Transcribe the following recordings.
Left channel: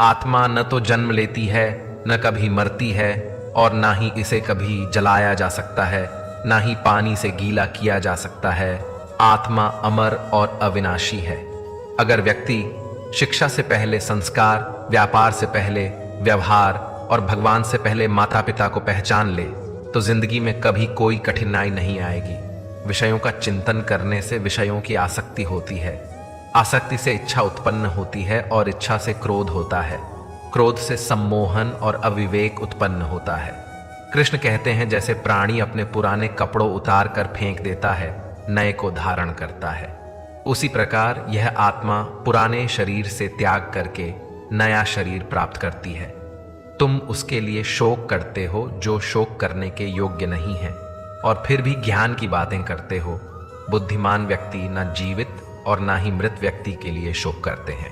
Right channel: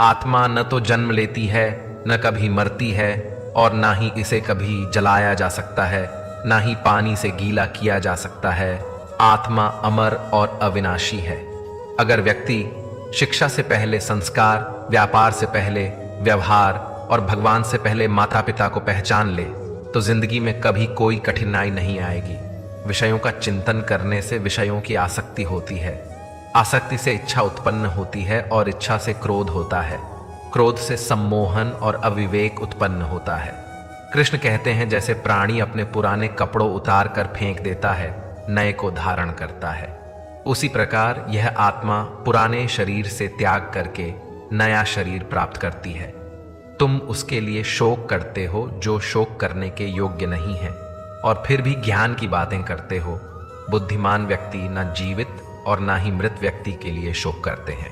आत्मा न तो जन्म लेती है, न कभी मरती है, और ना ही इसे कभी जलाया जा सकता है, ना ही पानी से गीला किया जा सकता है। आत्मा अमर और अविनाशी है। अगर व्यक्ति शिक्षा से पहले संस्कार, व्यापार से पहले व्यवहार और भगवान से पहले माता पिता को पहचान ले तो जिंदगी में कभी कोई कठिनाई नहीं आएगी। विषयों का चिंतन करने से विषयों की आसक्ति होती है, आसक्ति से इच्छा उत्पन्न होती है और इच्छा से क्रोध होता है, क्रोध से सम्मोहन और अविवेक उत्पन्न होता है। कृष्ण कहते हैं, जैसे प्राणी अपने पुराने कपड़ों उतार कर फेंक देता है, नए को धारण करता है, उसी प्रकार यह आत्मा पुराने शरीर से त्याग करके नया शरीर प्राप्त करती है। तुम उसके लिए शोक करते हो जो शोक करने के योग्य नहीं है, और फिर भी ज्ञान की बातें करते हो। बुद्धिमान व्यक्ति न जीवित और न ही मृत व्यक्ति के लिए शोक करते हैं।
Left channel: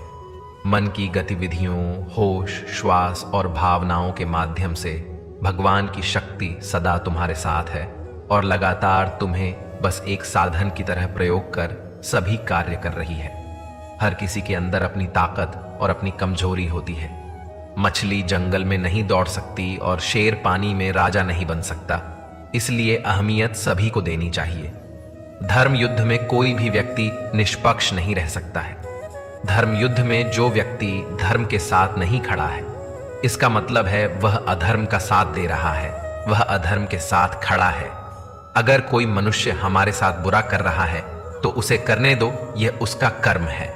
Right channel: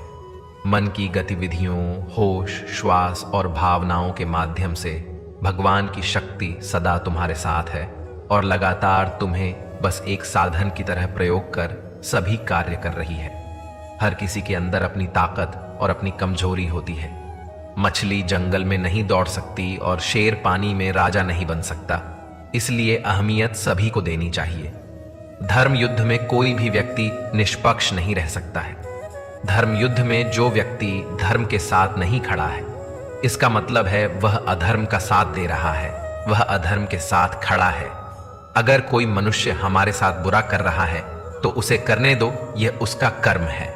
मन की गतिविधियों, होश, श्वास और भावनाओं के माध्यम से भगवान की शक्ति सदा तुम्हारे साथ है और लगातार तुम्हें बस एक साधन की तरह प्रयोग कर सभी कार्य कर रही है। हर किसी के अंदर अपनी ताकत और अपनी कमजोरी होती है। मछली जंगल में नहीं दौड़ सकती और शेर पानी में राजा नहीं बन सकता, इसलिए अहमियत सभी को देनी चाहिए। धर्म युद्ध में कोई भी व्यक्ति निष्पक्ष नहीं रह सकता है। धर्म युद्ध में जो व्यक्ति धर्म के साथ नहीं खड़ा है, इसका मतलब है वह अधर्म का साथ दे रहा है, वह अधर्म के साथ खड़ा है। अगर कोई मनुष्य हमारे साथ बुरा कर रहा है तो उसे करने दो, यह उसका कर्म है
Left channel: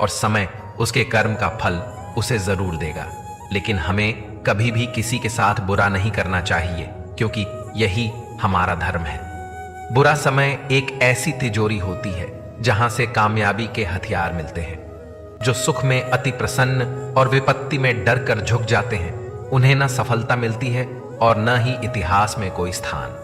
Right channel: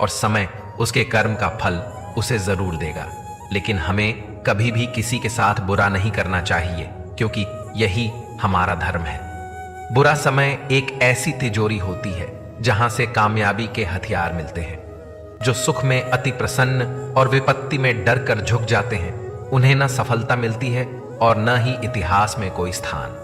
और समय उसके कर्म का फल उसे जरूर देगा। लेकिन हमें कभी भी किसी के साथ बुरा नहीं करना चाहिए, क्योंकि यही हमारा धर्म है। बुरा समय एक ऐसी तिजोरी होती है जहां से कामयाबी के हथियार मिलते हैं। जो सुख में अति प्रसन्न और विपत्ति में डर कर झुक जाते हैं, उन्हें न सफलता मिलती है और न ही इतिहास में कोई स्थान।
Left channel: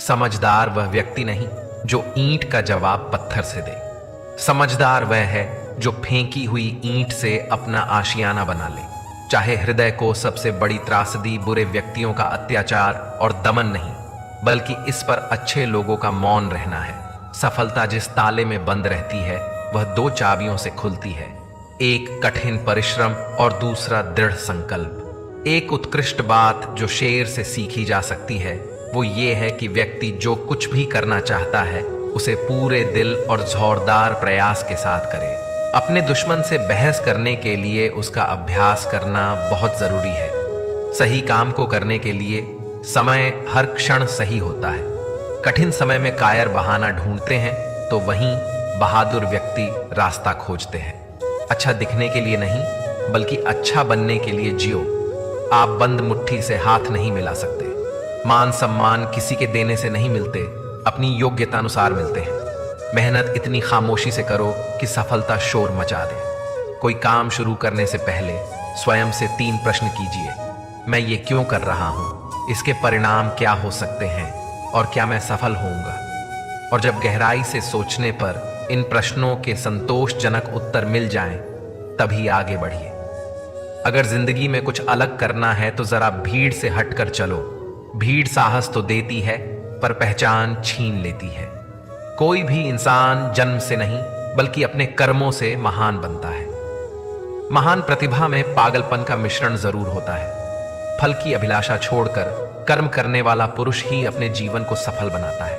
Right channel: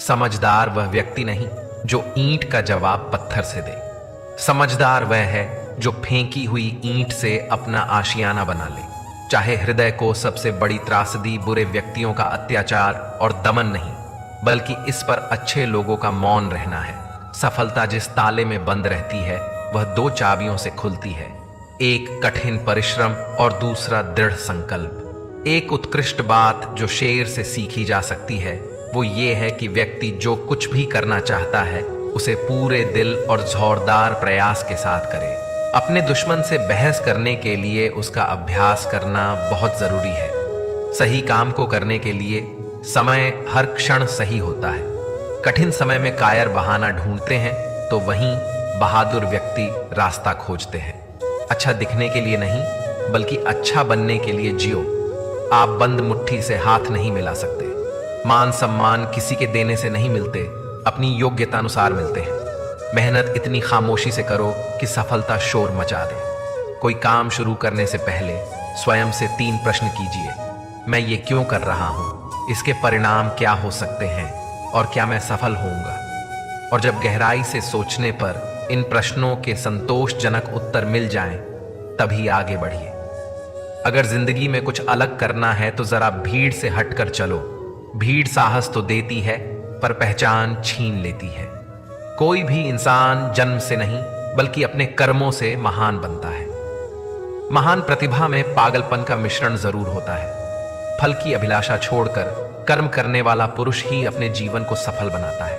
समझदार वह व्यक्ति नहीं जो ईंट का जवाब पत्थर से दे। समझदार वह है जो फेंकी हुई ईंट से अपना आशियाना बना ले। चाहे हृदय को सबसे बड़ी त्रासदी बुरे व्यक्तियों का अत्याचार और दमन नहीं, बल्कि इस पर अच्छे लोगों का मौन रहना है। सफलता जिस ताले में बंद रहती है वह दो चाबियों से खुलती है, एक कठिन परिश्रम और दूसरा दृढ़ संकल्प। एक उत्कृष्ट बात जो शेर से सीखी जा सकती है वो ये है कि व्यक्ति जो कुछ भी करना चाहता है उसे पूरे दिल और जोरदार प्रयास के साथ करे। अपने दुश्मन से बहस करने के लिए उसका अभ्यास करना बहुत जरूरी है। सही काम को करने के लिए समय हर क्षण सही होता है। कठिन समय में कायर बहाना ढूंढते हैं तो वहीं बहादुर व्यक्ति रास्ता खोजते हैं। अच्छा दिखने के लिए नहीं, बल्कि अच्छा बनने के लिए जियो। आप बंद मुट्ठी से हाथ नहीं मिला सकते। मान सम्मान किसी के देने से नहीं मिलते, अपनी योग्यता अनुसार मिलते हैं। मेहनत इतनी खामोशी से करो कि सफलता शोर मचा दे। कोई काम शुरू करने से पहले स्वयं से 3 प्रश्न कीजिए। मैं ये क्यों कर रहा हूँ, इसके परिणाम क्या हो सकते हैं और क्या मैं सफल होऊंगा। और जब गहराई से सोचने पर इन प्रश्नों के संतोषजनक उत्तर मिल जाएं, तभी आगे बढ़िए। अगर जिंदगी में कुछ अलग करना है तो जरा भीड़ से हटकर चलो। भीड़ साहस तो देती है पर पहचान छीन लेती है। कोई भी इंसान जन्म से नहीं बल्कि अपने कर्मों से महान बनता है। महान प्रतिभा में पागलपन का मिश्रण जरूर होता है। फल की अभिलाषा छोड़कर कर्म करने वाला पुरुष ही अपने जीवन को सफल बनाता है।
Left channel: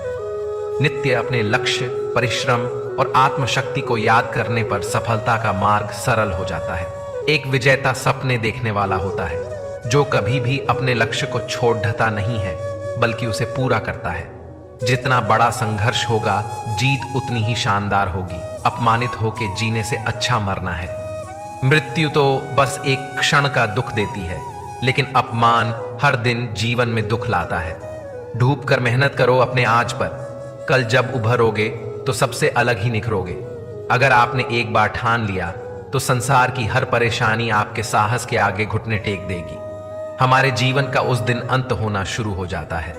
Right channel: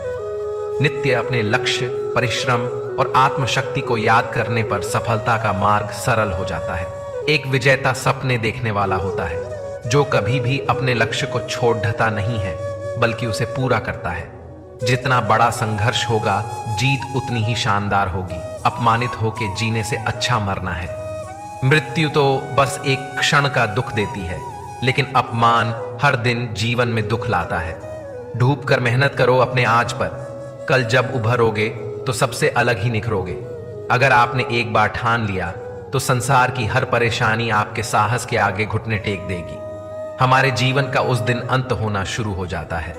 नित्य अपने लक्ष्य, परिश्रम और आत्मशक्ति को याद करने पर सफलता का मार्ग सरल हो जाता है। एक विजेता सपने देखने वाला होता है जो कभी भी अपने लक्ष्य को छोड़ ढता नहीं है, बल्कि उसे पूरा करता है। जितना बड़ा संघर्ष होगा, जीत उतनी ही शानदार होगी। अपमानित होकर जीने से अच्छा मरना है। मृत्यु तो बस एक क्षण का दुख देती है, लेकिन अपमान हर दिन जीवन में दुख लाता है। डूब कर मेहनत करो अपने आज पर। कल जब उभरोगे तो सबसे अलग ही निखरोगे। अगर आपने एक बार ठान लिया तो संसार की हर परेशानी आपके साहस के आगे घुटने टेक देगी। हमारे जीवन का उस दिन अंत होना शुरू हो जाता है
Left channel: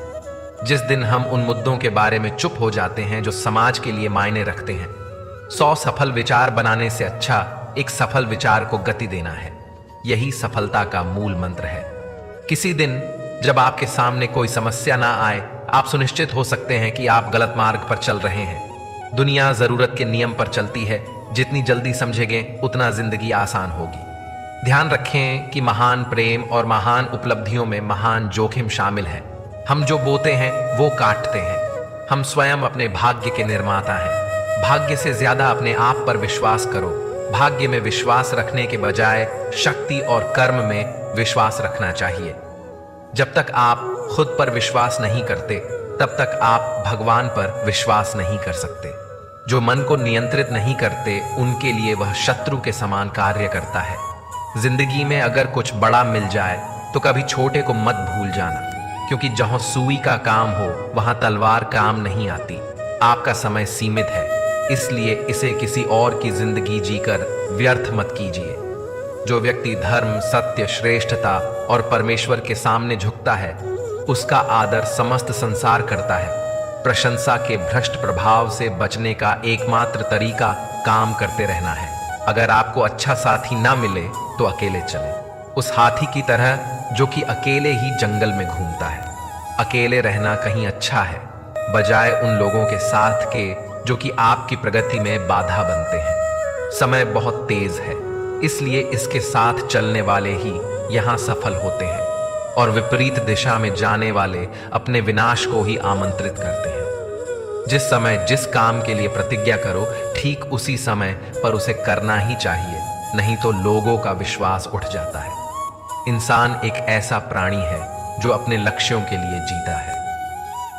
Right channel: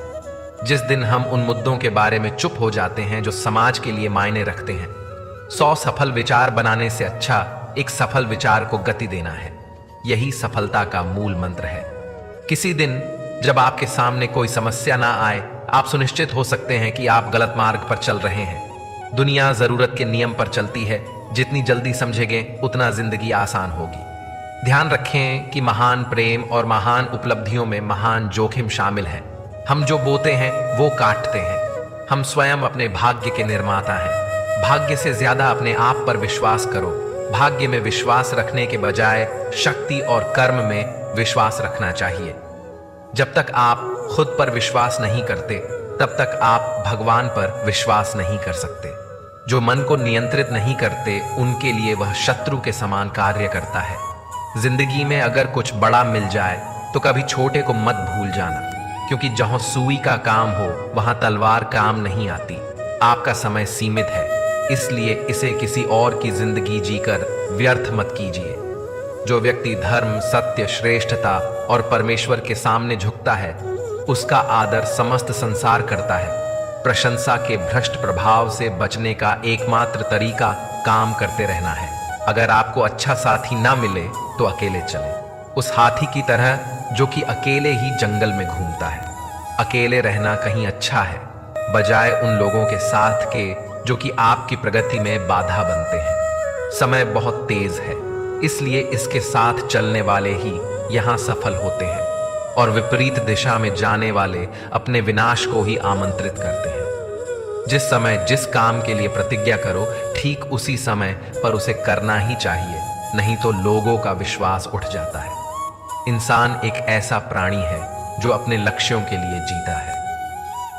जिस दिन हम उन मुद्दों के बारे में चुप हो जाते हैं जो समाज के लिए मायने रखते हैं। 100 सफल विचार बनाने से अच्छा एक सफल विचार को गति देना है। यही सफलता का मूल मंत्र है। किसी दिन जब आपके सामने कोई समस्या ना आए, आप सुनिश्चित हो सकते हैं कि आप गलत मार्ग पर चल रहे हैं। दुनिया जरूरत के नियम पर चलती है। जितनी जल्दी समझेंगे उतना जिंदगी आसान होगी। ध्यान रखें कि महान प्रेम और महान उपलब्धियों में महान जोखिम शामिल है। हम जो बोते हैं वो काटते हैं। हम स्वयं अपने भाग्य के निर्माता हैं। भाग्य से ज्यादा अपने आप पर विश्वास करो। भाग्य में विश्वास रखने के बजाय शक्ति और कर्म में विश्वास रखना चाहिए। जब तक आप खुद पर विश्वास नहीं करते तब तक आप भगवान पर विश्वास नहीं कर सकते। जो मन को नियंत्रित नहीं करते उनके लिए वह शत्रु के समान कार्य करता है। जिंदगी में अगर कुछ बड़ा मिल जाए तो कभी छोटे को मत भूल जाना, क्योंकि जहां सुई का काम हो वहां तलवार काम नहीं आती। आपका समय सीमित है, इसलिए इसे किसी और की जिंदगी जीकर व्यर्थ मत कीजिए। जो व्यक्ति धर्म, सत्य, श्रेष्ठता और परमेश्वर के सामने झुकता है उसका आदर समस्त संसार करता है। प्रशंसा के भ्रष्ट प्रभाव से बचने का एकमात्र तरीका काम करते रहना है। अगर आपको अच्छा साथी ना मिले तो अकेले चलें, उस हाथी की तरह जो कि अकेले ही जंगल में घूमता है। अकेले रहना कहीं अच्छा है बजाय उन लोगों के साथ के जो कि आपकी प्रगति में बाधा बनते हैं। समय बहुत तेज है, इसलिए इसके साथ चलने वाले ही यहाँ सफल होते हैं और विपरीत दिशा में जाने वाले अपने विनाश को ही आमंत्रित करते हैं। जिस समय जिस काम के लिए प्रतिज्ञा करो ठीक उसी समय पर उसे करना ही चाहिए, नहीं तो लोगों का विश्वास उठ जाता है। इंसान एक ऐसा प्राणी है जो अपने लक्ष्यों के लिए जीता है।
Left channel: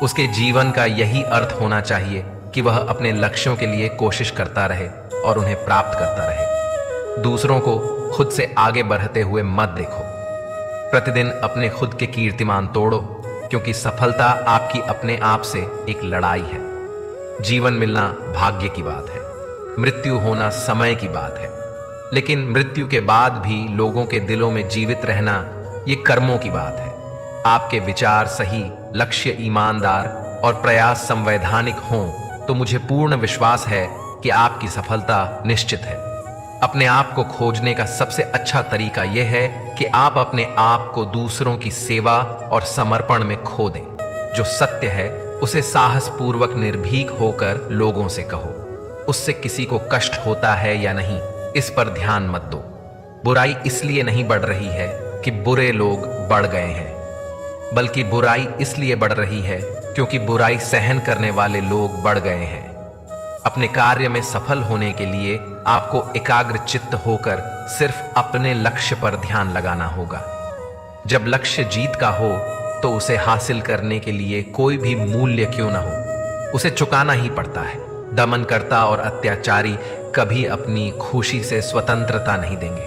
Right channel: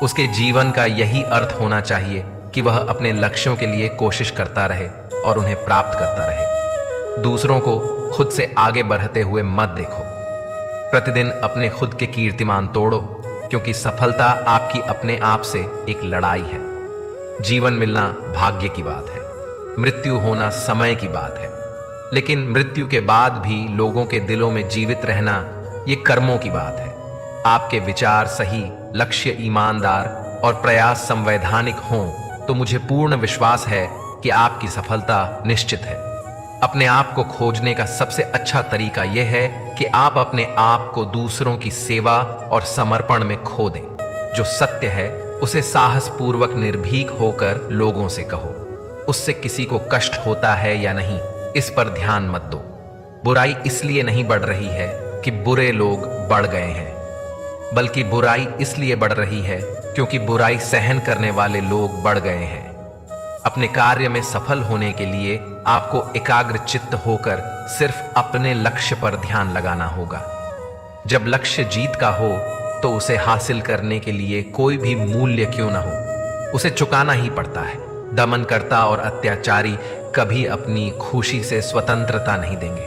उसके जीवन का यही अर्थ होना चाहिए कि वह अपने लक्ष्यों के लिए कोशिश करता रहे और उन्हें प्राप्त करता रहे। दूसरों को खुद से आगे बढ़ते हुए मत देखो। प्रतिदिन अपने खुद के कीर्तिमान तोड़ो, क्योंकि सफलता आपकी अपने आप से एक लड़ाई है। जीवन मिलना भाग्य की बात है, मृत्यु होना समय की बात है, लेकिन मृत्यु के बाद भी लोगों के दिलों में जीवित रहना ये कर्मों की बात है। आपके विचार सही, लक्ष्य ईमानदार और प्रयास संवैधानिक हों तो मुझे पूर्ण विश्वास है कि आपकी सफलता निश्चित है। अपने आप को खोजने का सबसे अच्छा तरीका यह है कि आप अपने आप को दूसरों की सेवा और समर्पण में खो दें। जो सत्य है उसे साहस पूर्वक निर्भीक होकर लोगों से कहो। उससे किसी को कष्ट होता है या नहीं इस पर ध्यान मत दो। बुराई इसलिए नहीं बढ़ रही है कि बुरे लोग बढ़ गए हैं, बल्कि बुराई इसलिए बढ़ रही है क्योंकि बुराई सहन करने वाले लोग बढ़ गए हैं। अपने कार्य में सफल होने के लिए आपको एकाग्र चित्त होकर सिर्फ अपने लक्ष्य पर ध्यान लगाना होगा। जब लक्ष्य जीत का हो तो उसे हासिल करने के लिए कोई भी मूल्य क्यों ना हो उसे चुकाना ही पड़ता है। दमनकर्ता और अत्याचारी कभी अपनी खुशी से स्वतंत्रता नहीं देंगे।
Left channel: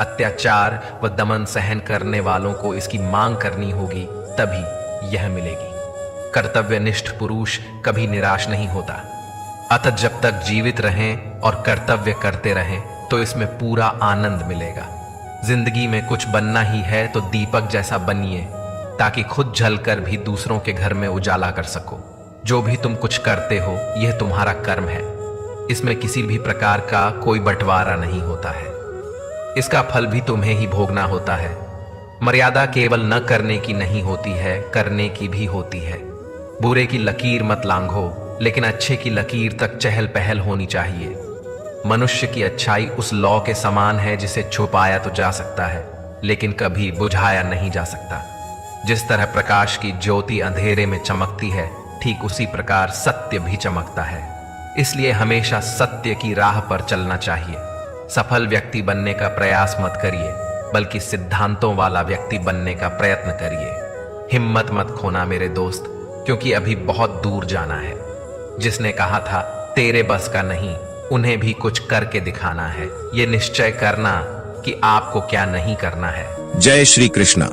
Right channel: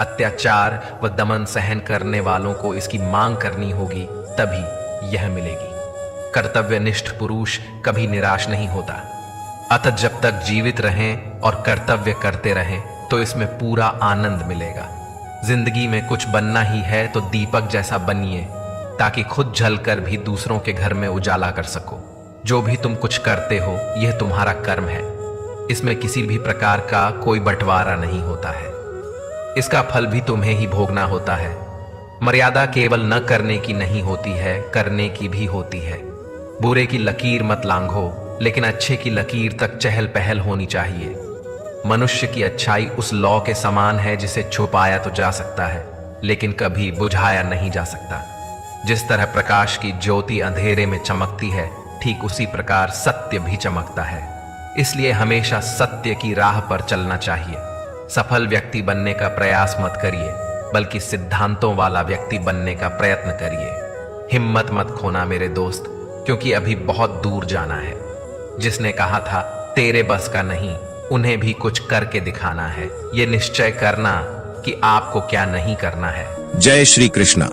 अत्याचार व दमन सहन करने वालों को इसकी मांग करनी होगी, तभी यह मिलेगी। कर्तव्यनिष्ठ पुरुष कभी निराश नहीं होता। अतः जब तक जीवित रहें और कर्तव्य करते रहें तो इसमें पूरा आनंद मिलेगा। जिंदगी में कुछ बनना ही है तो दीपक जैसा बनिए, ताकि खुद जलकर भी दूसरों के घर में उजाला कर सको। जो भी तुम कुछ करते हो यह तुम्हारा कर्म है। इसमें किसी भी प्रकार का कोई बंटवारा नहीं होता है। इसका फल भी तुम्हें ही भोगना होता है। मर्यादा केवल न करने की नहीं होती है, करने की भी होती है। बुरे की लकीर मत लांघो, लेकिन अच्छे की लकीर तक चहल पहल होनी चाहिए। मनुष्य की अच्छाई उस लौ के समान है जिसे छुपाया तो जा सकता है, लेकिन कभी बुझाया नहीं जा सकता। जिस तरह प्रकाश की ज्योति अंधेरे में चमकती है, ठीक उसी प्रकार सत्य भी चमकता है। इसलिए हमेशा सत्य की राह पर चलना चाहिए। सफल व्यक्ति बनने का प्रयास मत करिए, बल्कि सिद्धांतों वाला व्यक्ति बनने का प्रयत्न करिए। हिम्मत मत खोना मेरे दोस्त, क्योंकि अभी बहुत दूर जाना है। जिसने कहा था तेरे बस का नहीं, उन्हें भी कुछ करके दिखाना है। ये निश्चय करना कि आपको क्या नहीं करना है। जय श्री कृष्णा।